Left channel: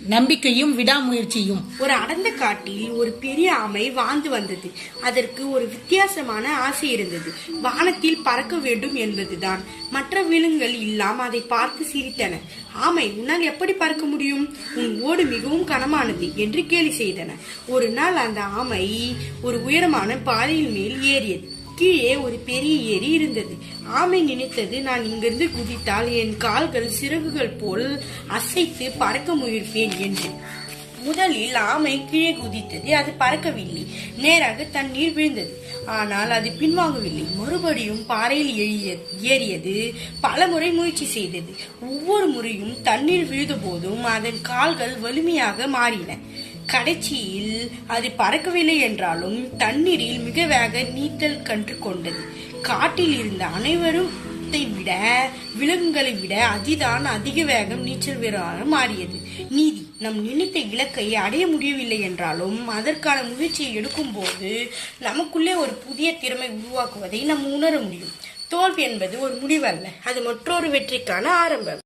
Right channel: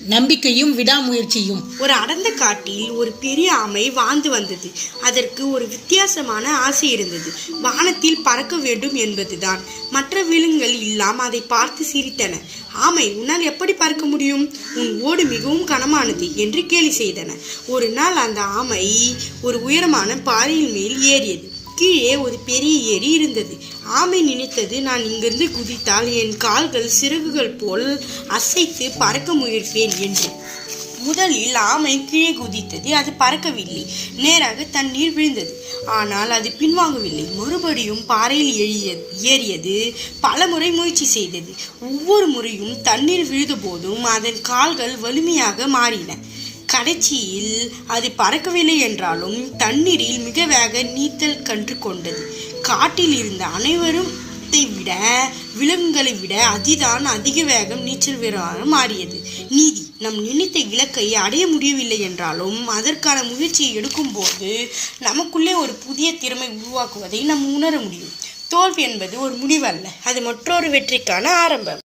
நம்பிக்கையும் விடாமுயற்சியும். ஒரு அடர்ந்த காட்டில் ஒரு பெரிய ஆமை வாழ்ந்து வந்தது. அதற்கு ஒரு வித்தியாசமான ஆசை இருந்தது. வானத்தில் பறக்க வேண்டும் என்பதுதான். மற்ற விலங்குகள் எல்லாம் அதை பார்த்து சிரித்தன. ஆமை, உன்னால் எப்படி பறக்க முடியும்? உன் ஓடு மிகவும் கனமானது என்று கேலி செய்தன. ஒரு நாள் அந்த ஆமை ஒரு உயரமான பாறையின் மேல் ஏறியது. கீழே ஒரு பெரிய ஏரி இருந்தது. ஆமை நினைத்தது, நான் இங்கிருந்து குதித்தால் என் கால்கள் சிறகுகள் போல் அசைத்து பறக்க முயற்பேன் என்று. முதலில் ஆமை கீழே குதித்தது. அது பறக்கவில்லை, நேராக தண்ணீர் விழுந்தது. ஆனால் அது பின்வாங்கவில்லை. மறுபடியும் பாறையில் ஏறியது. பல முறை முயற்சி செய்தது. ஒவ்வொரு முறையும் தண்ணீர் விழுந்த போதும் அதன் கால்கள் வலிமையாக மாறின. கடைசியில் அது பறக்கவில்லை என்றாலும் தண்ணீரில் மிக வேக நீச்சல் கற்று கொண்டது. காட்டில் இருந்த அனைவரும் விட விலங்குகளை விட அதுதான் அதிக வேகம் நீச்சல் வீரராக மாறியது. நீதி: நம் நினைத்த இலக்கை அடைய முடியவில்லை என்றாலும் அதற்கான முயற்சியை எடுக்கும் போது நமக்குள்ளே ஒரு புதிய திறமை உருவாக்குவதை நாம் உணர முடியும். தோல்வி என்பது ஒரு முடிவல்ல, அது மற்றொரு வெற்றிக்கான ஆரம்பம்.